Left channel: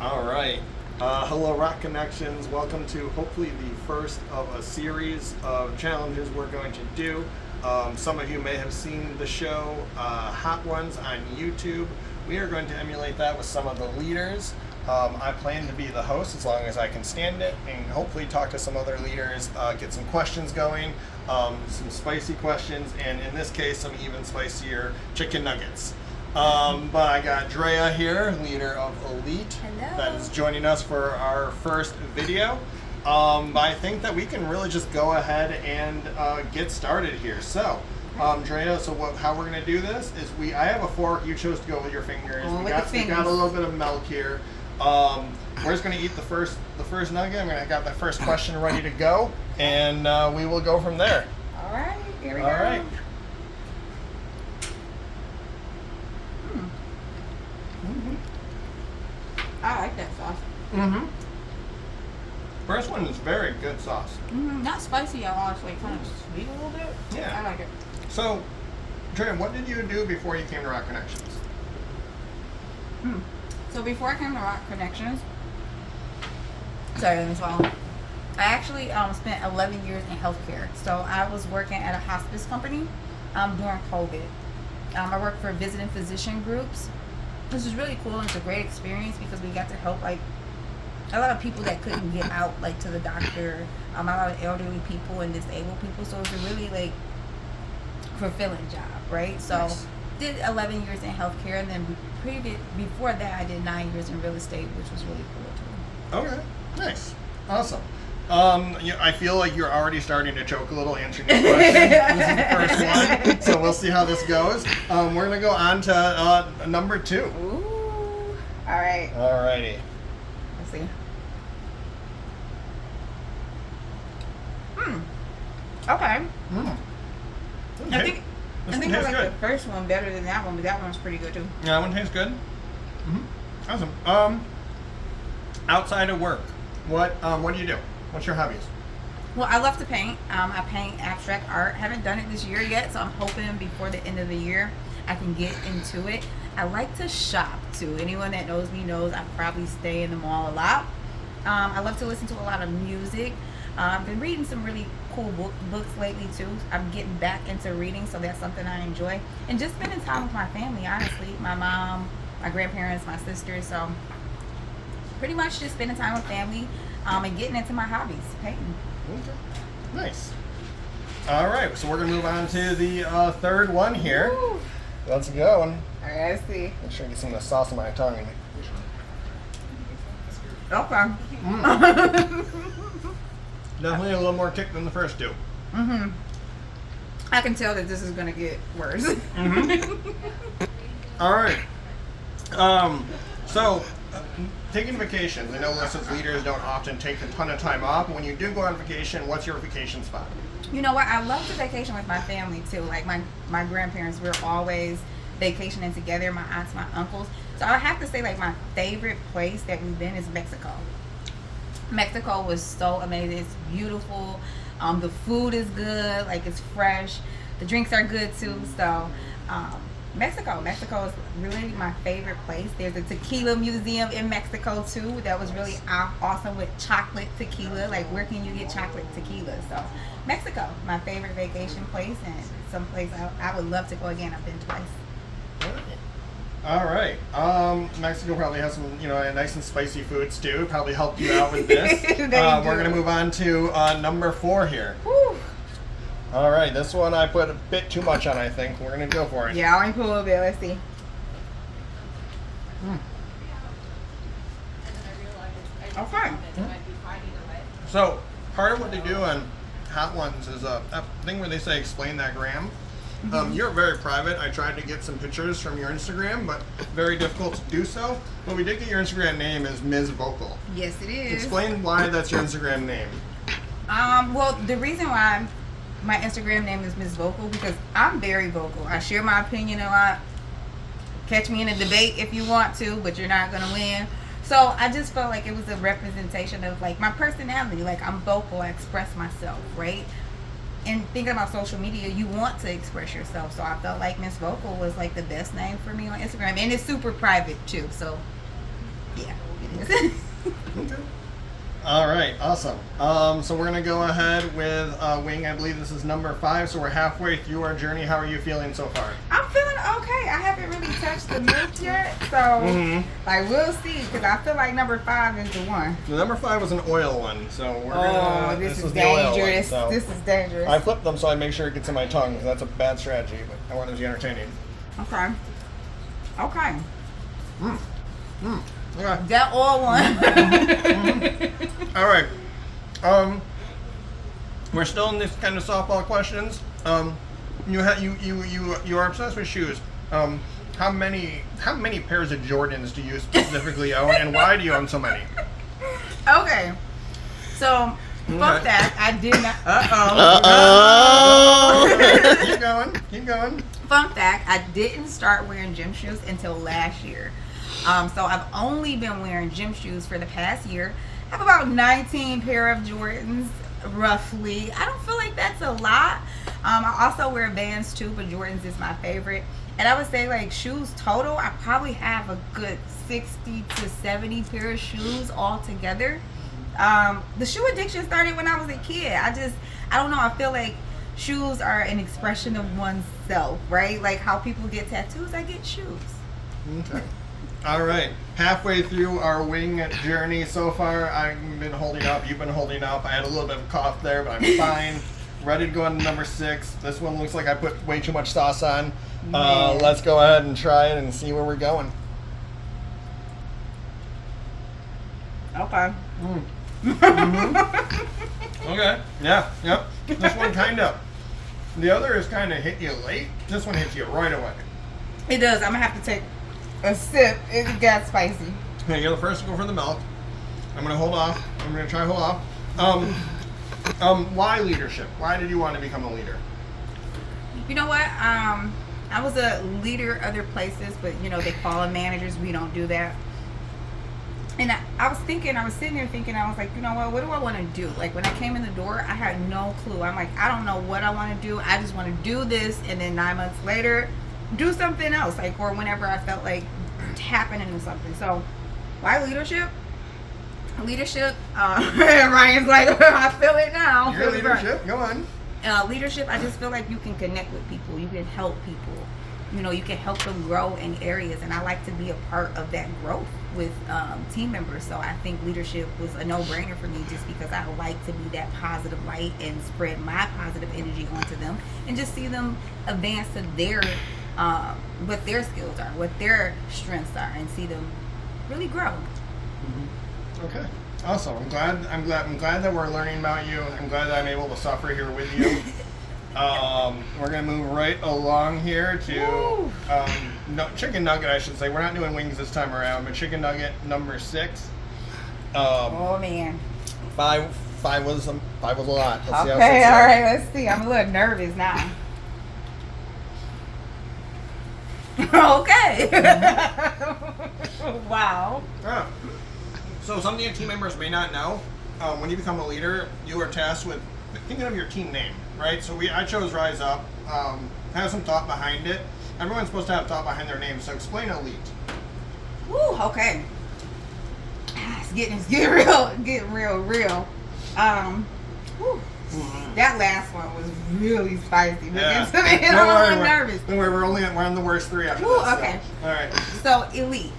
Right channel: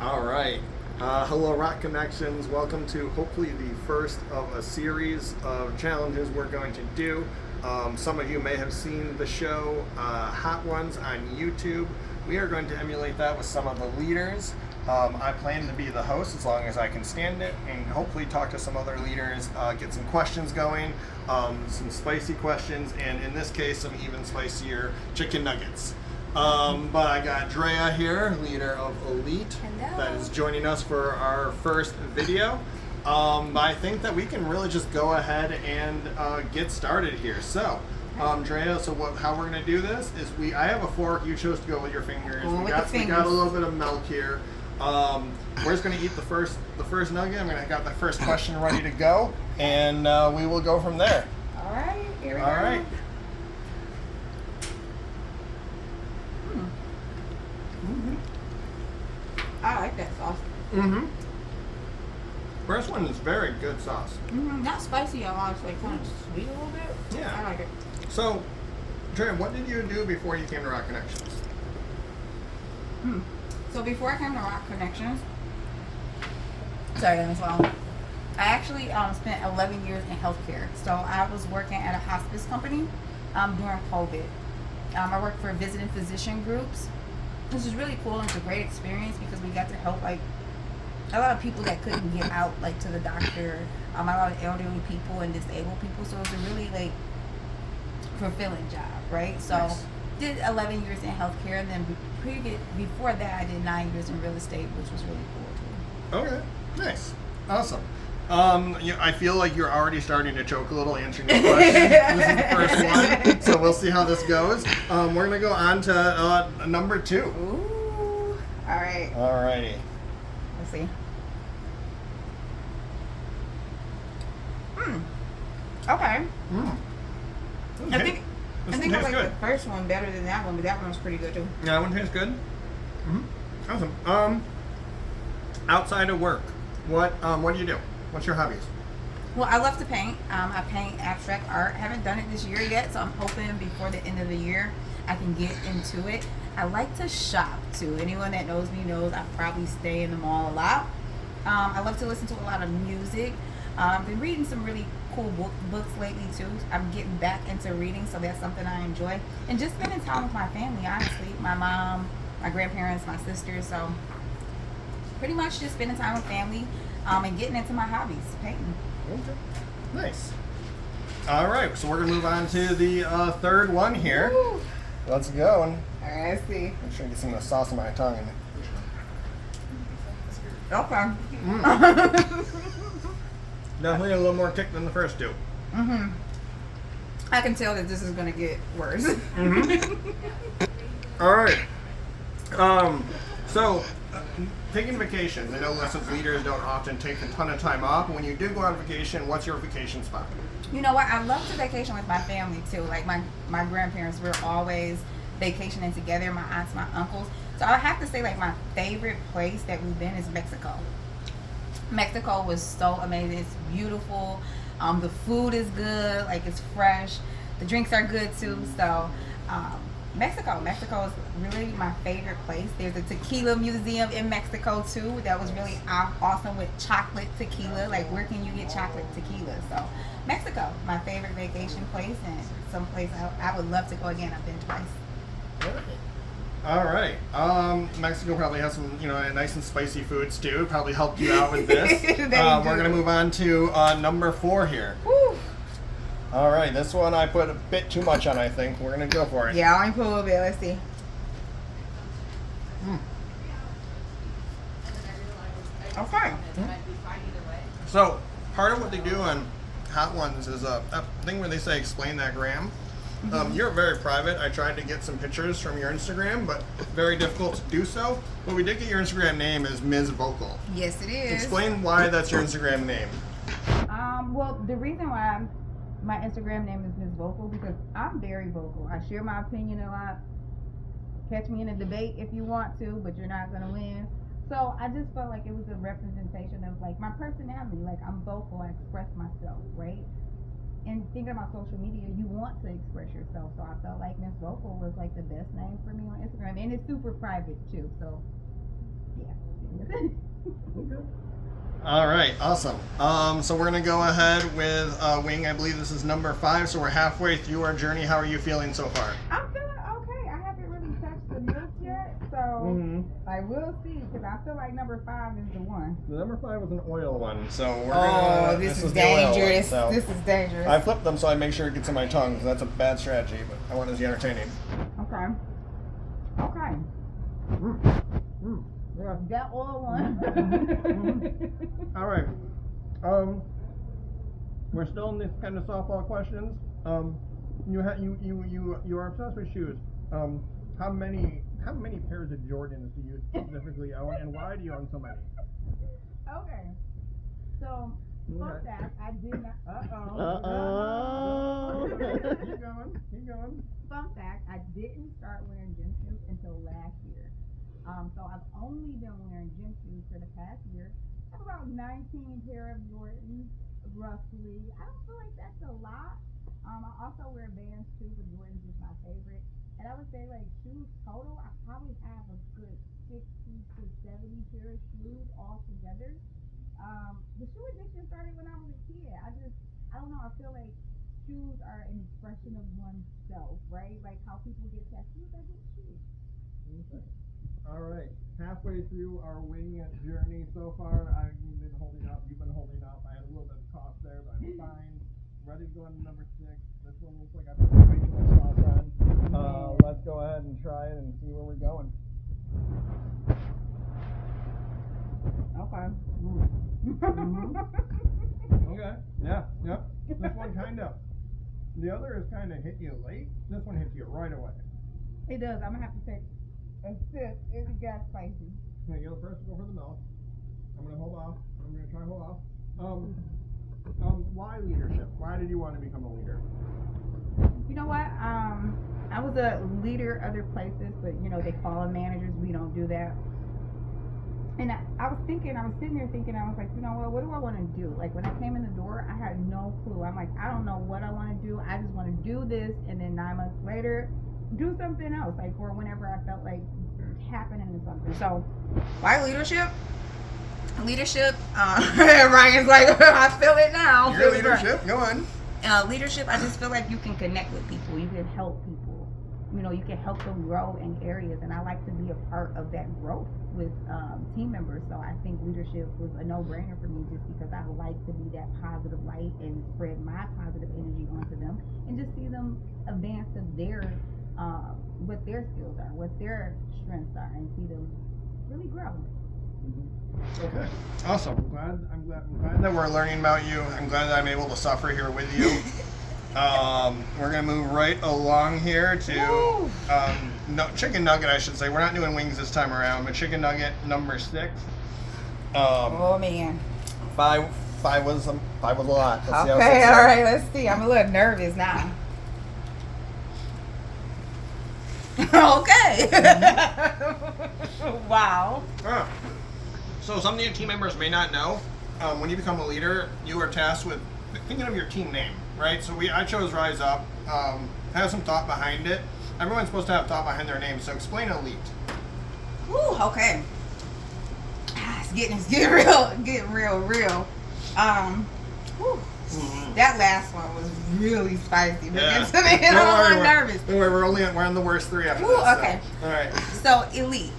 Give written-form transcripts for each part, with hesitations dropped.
All right. Hello, Rock Connections. Welcome to hopefully the first of a series of challenges we're going to do. Some of you may have seen the show Hot Ones on YouTube. We are going to emulate that with some of the leaders. I plan to be the host as long as I can stand it, and hopefully talk to some other leaders, get some questions going, some spicy questions, and in this case, some even spicier chicken nuggets. But I got Drea here, leader of Elite, Hello. that is joining us for our first video. But I think that we can really just go ahead and get started here. So, Drea, how we're gonna do this is I have a fork. You chose to go with your fingers. We got a little bit of milk here. We're just gonna eat the first nugget. I got the first question ready to go, and we will go from there. All right, here we go. All right. I like that sauce. First one is very good sauce. Not spicy, I want to say kind of sweet a little bit. Yeah. I like it. So, Drea, what did you do before you came to Rock Connections? So before I came to Rock Connections, sorry, let me swallow. I actually spent 11 years in healthcare. So I was working at a hospice company during COVID. I worked for visiting physician groups. This is really cool, and it's a great experience because we got to help like a lot of people that couldn't get out like to the doctor, a lot of elderly people and disabled people. So it's a really like fulfilling job, right? So Nice. Did 11 years in healthcare, and then before that I did 9 years in real estate, which was really cool too. Okay, nice, awesome. I feel like you're already starting to choke a little answering your question. This is the first one, so we'll see how this goes. We're gonna go on to number 2. Ooh, all right. Alrighty. Let's see. Okay. I think I This think I tastes like good. the first one better than that one, but that one's pretty good too. Yeah, that one tastes good. Awesome. Outside of work, what do you do? What's your hobbies? Well, I love to paint. I paint abstract art. Haven't done it this year yet, so I'm hoping before the end of the year I can get into it. I like to shop too. Anyone that knows me knows I probably stay in the mall a lot. I love to listen to a lot of music. I've been reading some really cool books lately too. I'm getting back into reading, so that's something I enjoy. And just spending time with my family, honestly. My mom, my grandparents, my sisters. So pretty much just spending time with family and getting into my hobbies, painting. Okay, nice. All right, so we're gonna move on to the third one here. Woo. Let's go. And All right, let's see. make sure I get some of the sauce in my tongue. Okay. Definitely a little more kick than the first two. I can tell that this is gonna get worse. All right. So, taking vacations. I know us as leaders don't often take a ton of time off. When you do go on vacation, what's your vacation spot? You know what? I love to vacation with my family too. Like my grandparents, we're always vacationing together. My aunts, my uncles. So I have to say, like my favorite place that we've been is Mexico. Mexico was so amazing. It's beautiful. The food is good. Like it's fresh. The drinks are good too. So Mexico is really my favorite place. There's a tequila museum in Mexico too. That was really awesome with chocolate tequila. Like where can you get chocolate tequila? So Mexico, my favorite vacation place, and some place I would love to go again. I've been twice. All right. Mexico probably has some, nice and spicy foods too. Probably helped you out with this. We're gonna move on to number 4 here. Woo. All right, this one I put a bit too much on. I think we're gonna go for it. Yeah, I'll only put a little bit. Let's see. Okay. So part of what they do on Hot Ones is a thing where they say explain that gram. You're very private. I tried to get some pictures from your Instagram, but very difficult to do so. But we did get your Instagram name as Ms. Vocal. Yes, it is. Explain why that's your Instagram name. Well, the reason why my Instagram name is Ms. Vocal because I'm very vocal. I share my opinion a lot. Catch me in a debate if you want to, but you're not gonna win. So I just felt like it was a representation of like my personality. Like I'm vocal, I express myself, right? And thinking about social media, you want to express yourself. So I felt like Miss Vocal was like the best name for me on Instagram, and it's super private too. So yeah, it is. Okay. All right, awesome. So we're gonna go ahead with Wing. I believe this is number 5, so we're halfway through our journey. How are you feeling so far? I'm feeling okay. I haven't really touched the milk yet, so like we'll see. Because I feel like number 5 is the one. The number 5 was an oil one, so we're gonna. This is the oil one, dangerous. so. This is dangerous. I flipped them so I make sure it gets in my tongue, because that's a bad strategy. But I want it to be entertaining. Okay. Okay. Okay. That all one. All right. We're still in this kind of softball questions. You are obsessed with shoes. How many pairs of Jordans do you specifically own, and why do you own so many? Okay. So, fuck that. I did not. Keep going. Fun fact, I didn't start wearing gym shoes until last year. So I've only been wearing gym shoes for the past year. I have about 19 pair of Jordans, roughly. I don't feel like that's a lot. I also wear Vans too, but Jordans is my favorite. And I would say like shoes total, I probably have a good 60 to 70 pair of shoes all together. The shoe addiction started when I was a kid. I don't know, I feel like shoes are an expression of oneself, right? Like how people get tattoos, I get shoes. Okay. All right. Halfway through our wing journey so far. I've been holding up. You've been holding up. I had a little bit of a cough there, but I'm fine. Ready to go on to number 6. This one looks like I put way too much sauce on. Let's go ahead and try it and see where we're going. Okay. Okay. Yeah. Yep. This one kind of. The other is kind of hit you late. This one hits you right away. It does. I'm going to have to take a sip. It got spicy. Okay, you're the first to go for the milk. I'm going to hold off. I'm going to try to hold off. Why leadership? Why did you want to become a leader? You know what? I was a leader other places, but you know, they call them managers. We don't do that. And I was sitting here thinking, I was like, you know what do I want to do? Like when I came in the door, I had no clue. I'm like, I don't know what I want to do. I just want to do this. And then 9 months later, do something else. Like, or whenever I felt like tapping into something. So why leadership? Leadership, Ryan's like, I feel it now. Your leadership, go on. Leadership, I just feel like you can connect with people. You can help people. You know, you can help them grow in areas. And I like to be a part of that growth with team members. So I think leadership was a no-brainer for me just because I like to be that positive light and spread my positive energy onto them and just see them advance to their, what their skills are, what their strengths are, and see them really grow. Okay. Awesome. I'm glad that we're learning about you. I'm glad that I'm able to suffer here with you. We're gonna move right along here to chicken nugget, I should say. We're not doing wings this time around, but chicken nugget number 6. Oh man. 5 was a lot. Let's see how 6 Okay, is. all right, let's see. I'm a little nervous now. Okay. Wow. So some of your team members may not know, when you become a leader, you are tasked with thinking of your team name, right? So I chose Rise Up. Have some thought behind it. Everyone's supposed to have thought behind their name, so explain elite. Woo, okay. It's getting real. Whew. That last one was really spicy. Yeah. I'm a little nervous. We're on the worst 3 after Ooh, this. okay. So. All right. So elite.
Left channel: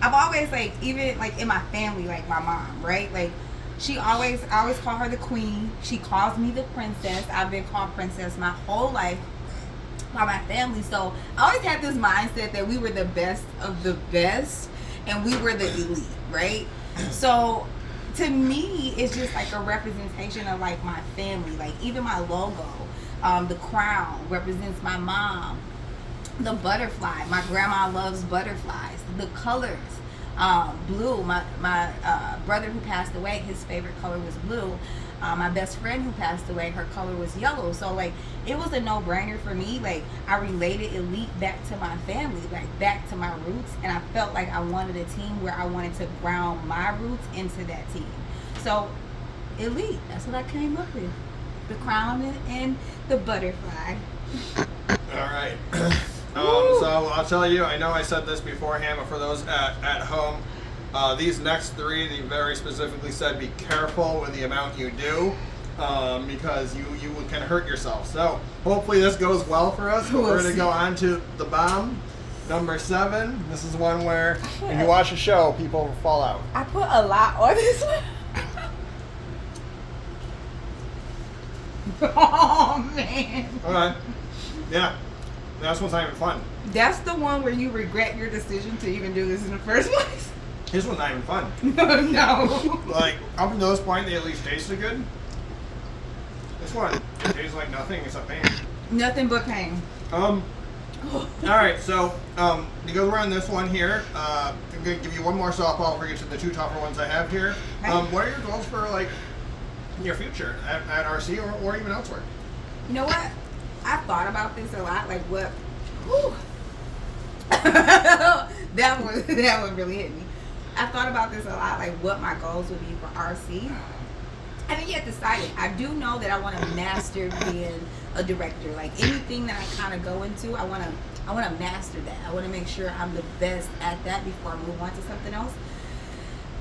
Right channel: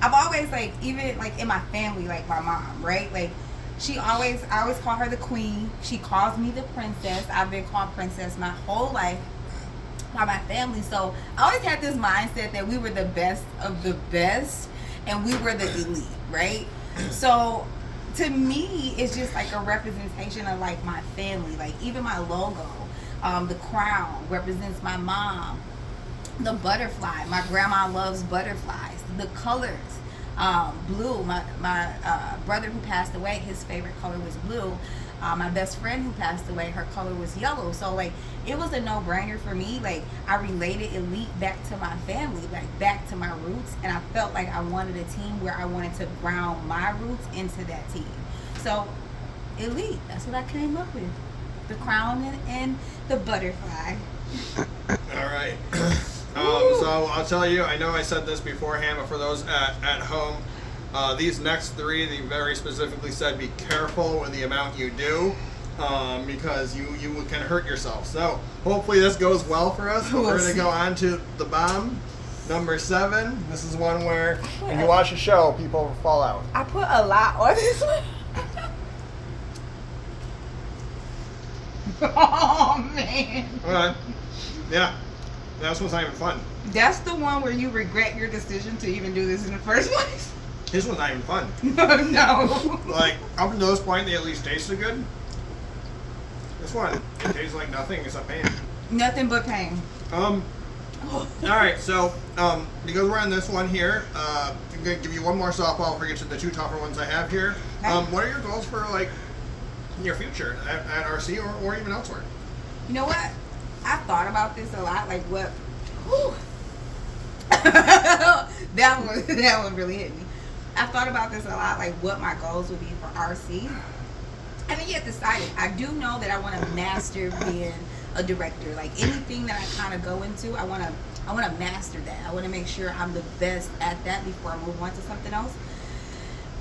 I've always even in my family, like my mom, right? Like I always call her the queen. She calls me the princess. I've been called princess my whole life by my family. So I always had this mindset that we were the best of the best and we were the elite, right? So to me, it's just like a representation of like my family. Like even my logo, the crown represents my mom. The butterfly, my grandma loves butterflies. The colors, blue. My brother who passed away, his favorite color was blue. My best friend who passed away, her color was yellow. So like it was a no-brainer for me. Like I related elite back to my family, like back to my roots, and I felt like I wanted a team where I wanted to ground my roots into that team. So elite, that's what I came up with. The crown and the butterfly. All right. So I'll tell you, I know I said this beforehand, but for those at home, These next three, they very specifically said be careful with the amount you do because you can hurt yourself. So hopefully this goes well for us. We're going to go on to the bomb. Number 7. This is one where when you watch a show, people fall out. I put a lot on this one. Oh man. Okay. Yeah. That's what's not even fun. That's the one where you regret your decision to even do this in the first place. This one's not even fun. No. Like, up until this point, they at least tasted good. This one tastes like nothing except pain. Nothing but pain. Alright, so, because we're on this one here, I'm going to give you one more softball before we get to the 2 tougher ones I have here. What are your goals for, like, your future at RC or even elsewhere? You know what? I've thought about this a lot, like what that one really hit me. I've thought about this a lot, like what my goals would be for RC. I haven't yet decided. I do know that I want to master being a director. Like anything that I kind of go into, I want to master that. I want to make sure I'm the best at that before I move on to something else.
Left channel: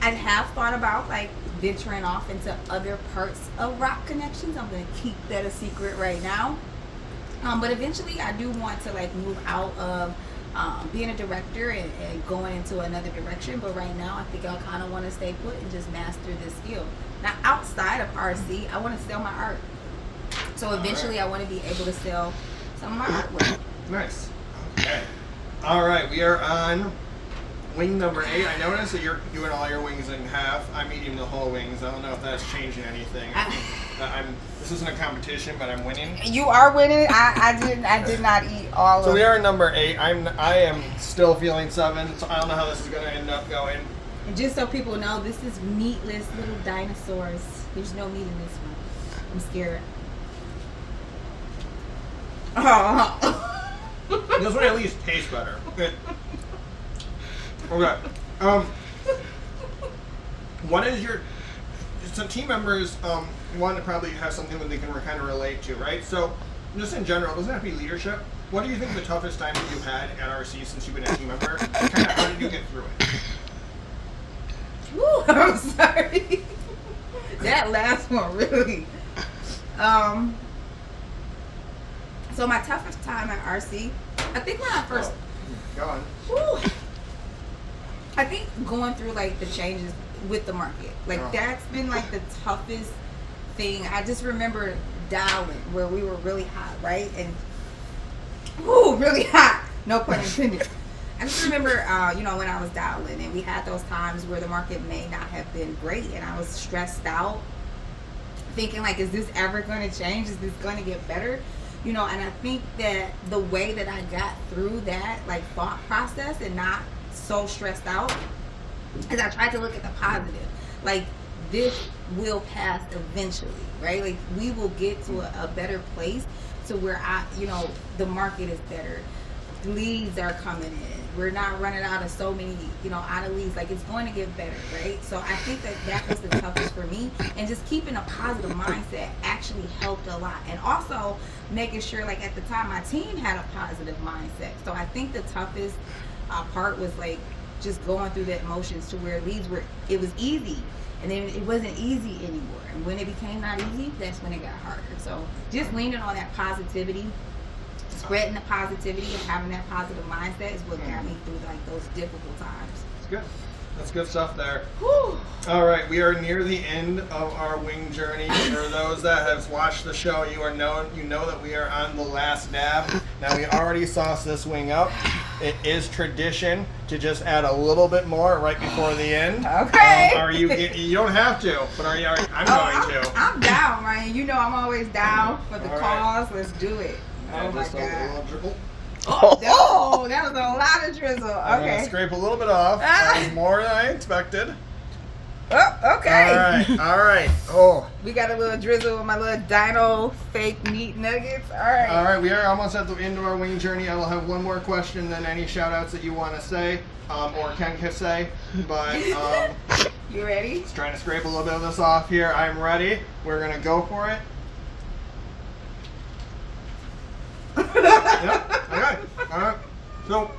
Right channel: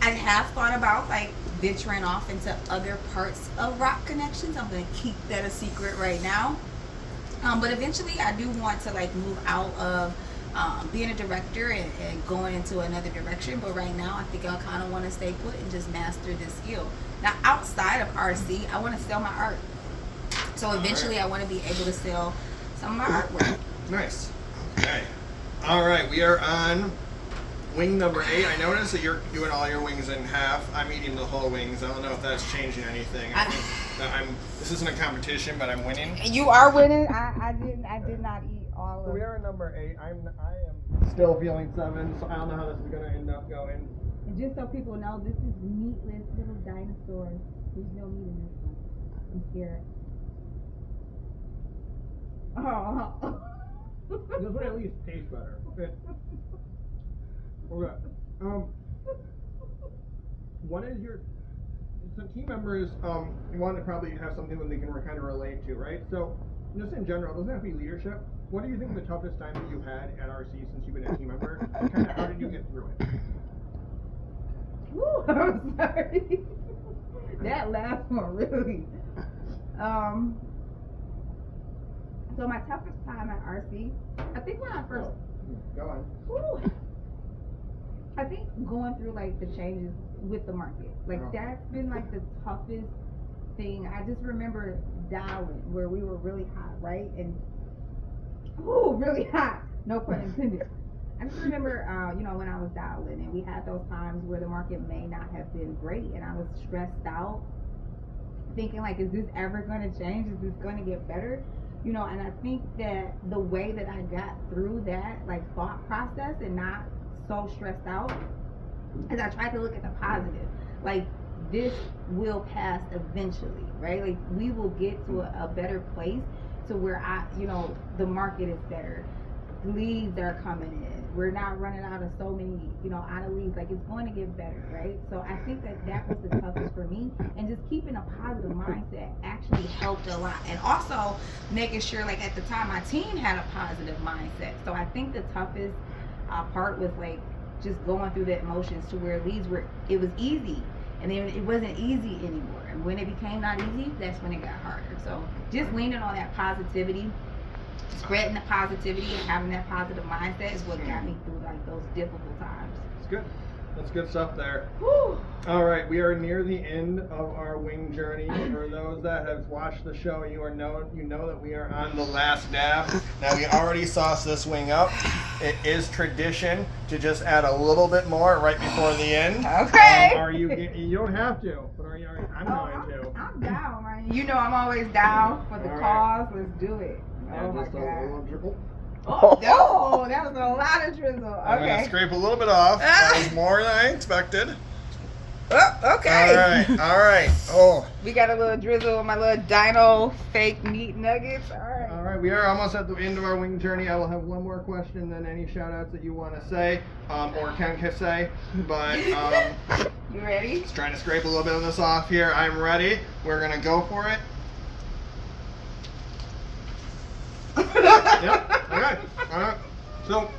I have thought about like venturing off into other parts of Rock Connections. I'm going to keep that a secret right now. But eventually I do want to like move out of being a director and going into another direction. But right now I think I kind of want to stay put and just master this skill. Now outside of RC, I want to sell my art. So eventually I want to be able to sell some of my artwork. Nice. Okay. All right, we are on wing number 8. I noticed that you're doing all your wings in half. I'm eating the whole wings. I don't know if that's changing anything. This isn't a competition, but I'm winning. You are winning. I did not eat all So of we are number 8. I am still feeling 7, so I don't know how this is going to end up going. And just so people know, this is meatless little dinosaurs. There's no meat in this one. I'm scared. Oh. This one at least tastes better. Okay. Okay. What is your... Some team members want to probably have something that they can kind of relate to, right? So, just in general, doesn't have to be leadership. What do you think the toughest time that you've had at RC since you've been a team member? Kind of, how did you get through it? Ooh, I'm sorry. That last one really. So my toughest time at RC, I think when I first. Go on. Whew, I think going through like the changes with the market, like that's been like the toughest thing. I just remember dialing where we were really hot, right? And really hot. No pun intended. I just remember, when I was dialing and we had those times where the market may not have been great and I was stressed out, thinking like, is this ever going to change? Is this going to get better? And I think that the way that I got through that like thought process and not so stressed out is I tried to look at the positive. Like this will pass eventually, right? Like we will get to a better place to where the market is better. Leads are coming in. We're not running out of so many, out of leads. Like it's going to get better, right? So I think that was the toughest for me. And just keeping a positive mindset actually helped a lot. And also making sure, like at the time, my team had a positive mindset. So I think the toughest part was like just going through the emotions to where it was easy. And then it wasn't easy anymore. And when it became not easy, that's when it got harder. So just leaning on that positivity, spreading the positivity and having that positive mindset is what got me through like those difficult times. That's good. That's good stuff there. Whew. All right, we are near the end of our wing journey. For those that have watched the show, you know that we are on the last dab. Now we already sauced this wing up. It is tradition to just add a little bit more right before the end. Okay. Are you? You don't have to, but are you? I'm going to. I'm down, Ryan. I'm always down for the All cause. Let's do it. Oh my just God. a little dribble. Oh, that was a lot of drizzle. I'm gonna Okay. scrape a little bit off. That was more than I expected. Oh, okay. All right. Oh. We got a little drizzle with my little dino fake meat nuggets. All right. All right, we are almost at the end of our wing journey. I will have one more question, then any shout outs that you want to say, or can say. But you ready? just trying to scrape a little bit of this off here. I'm ready. We're gonna go for it. Yep. Okay. All right. So,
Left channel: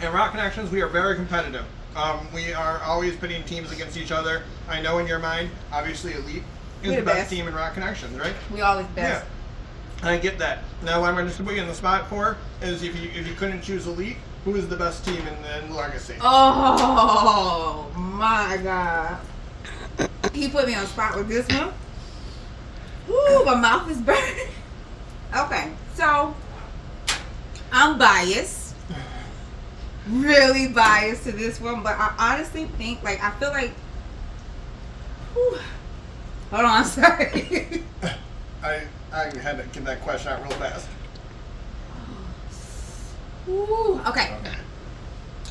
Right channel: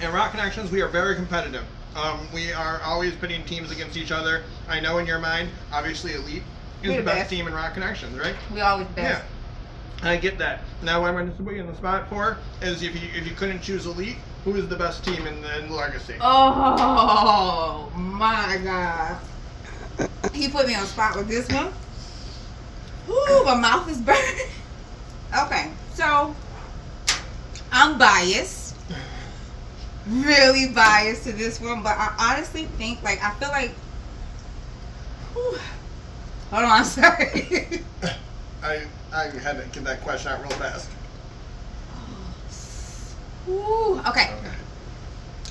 in Rock Connections, we are very competitive. We are always pitting teams against each other. I know in your mind, obviously Elite is We're the the best best. team in Rock Connections, right? We always best. Yeah, I get that. Now, what I'm going to put you in the spot for is if you couldn't choose Elite, who is the best team in Legacy? Oh my God. He put me on the spot with this one. Ooh, my mouth is burning. Okay, so I'm biased. Really biased to this one, but I honestly think, like, I feel like. Whew. Hold on, I'm sorry. I had to get that question out real fast. Ooh, okay.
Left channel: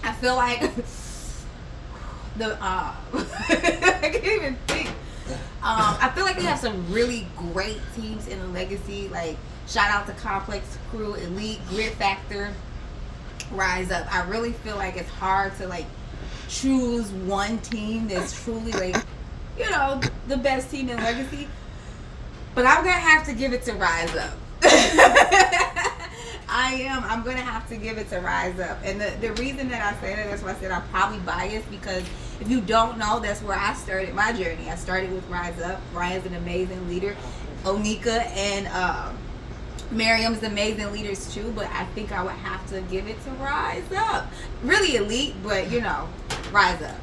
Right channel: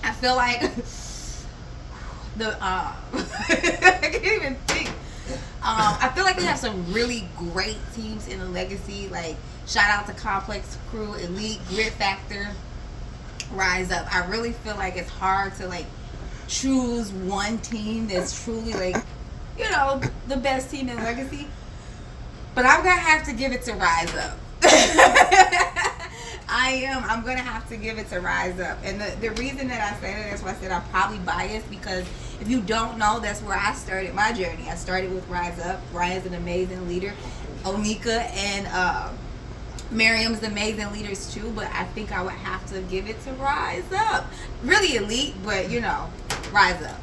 I feel like I can't even think. I feel like we have some really great teams in the Legacy. Like, shout out to Complex Crew, Elite, Grit Factor, Rise Up. I really feel like it's hard to like choose one team that's truly like, you know, the best team in Legacy. But I'm gonna have to give it to Rise Up. I'm gonna have to give it to Rise Up. And the reason that I say that, that's why I said I'm probably biased, because if you don't know, that's where I started my journey. I started with Rise Up. Ryan's an amazing leader. Onika and Miriam's amazing leaders too, but I think I would have to give it to Rise Up. Really Elite, but you know, Rise Up.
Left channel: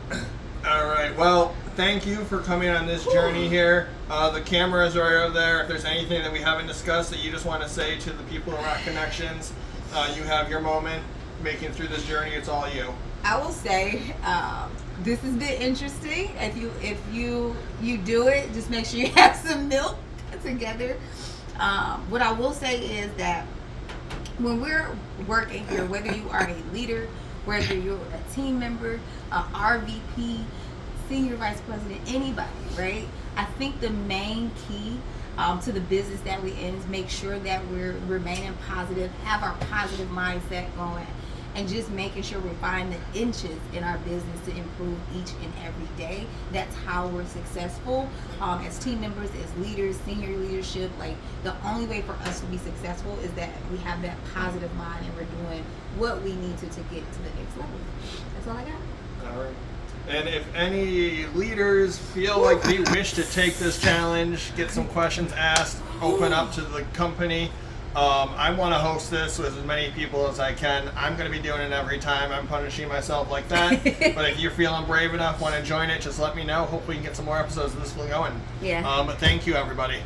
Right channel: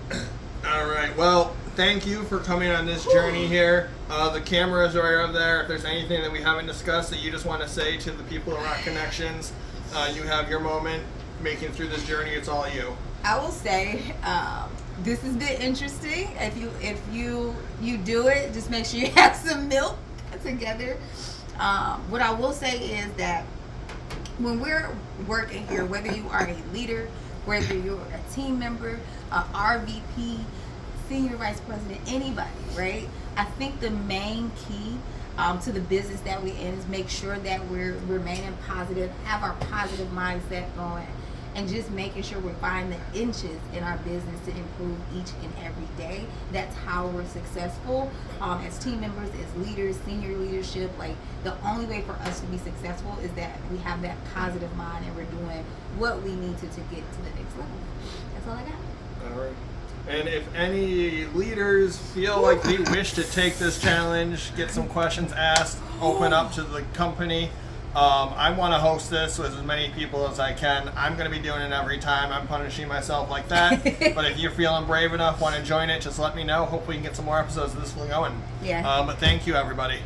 All right. Well, thank you for coming on this journey here. The cameras are over there. If there's anything that we haven't discussed that you just want to say to the people of Rock Connections, you have your moment. Making through this journey, it's all you. I will say this has been interesting. If you do it, just make sure you have some milk together. What I will say is that when we're working here, whether you are a leader, whether you're a team member, a RVP, senior vice president, anybody, right? I think the main key to the business that we're in is make sure that we're remaining positive, have our positive mindset going, and just making sure we're finding the inches in our business to improve each and every day. That's how we're successful as team members, as leaders, senior leadership. Like, the only way for us to be successful is that we have that positive mind and we're doing what we need to get to the next level. That's all I got. All right. And if any leaders feel like they wish to take this challenge, get some questions asked, open up to the company, I want to host this with as many people as I can. I'm going to be doing it every time. I'm punishing myself like that. But if you're feeling brave enough, want to join it, just let me know. Hopefully we can get some more episodes of this going. Yeah. But thank you, everybody.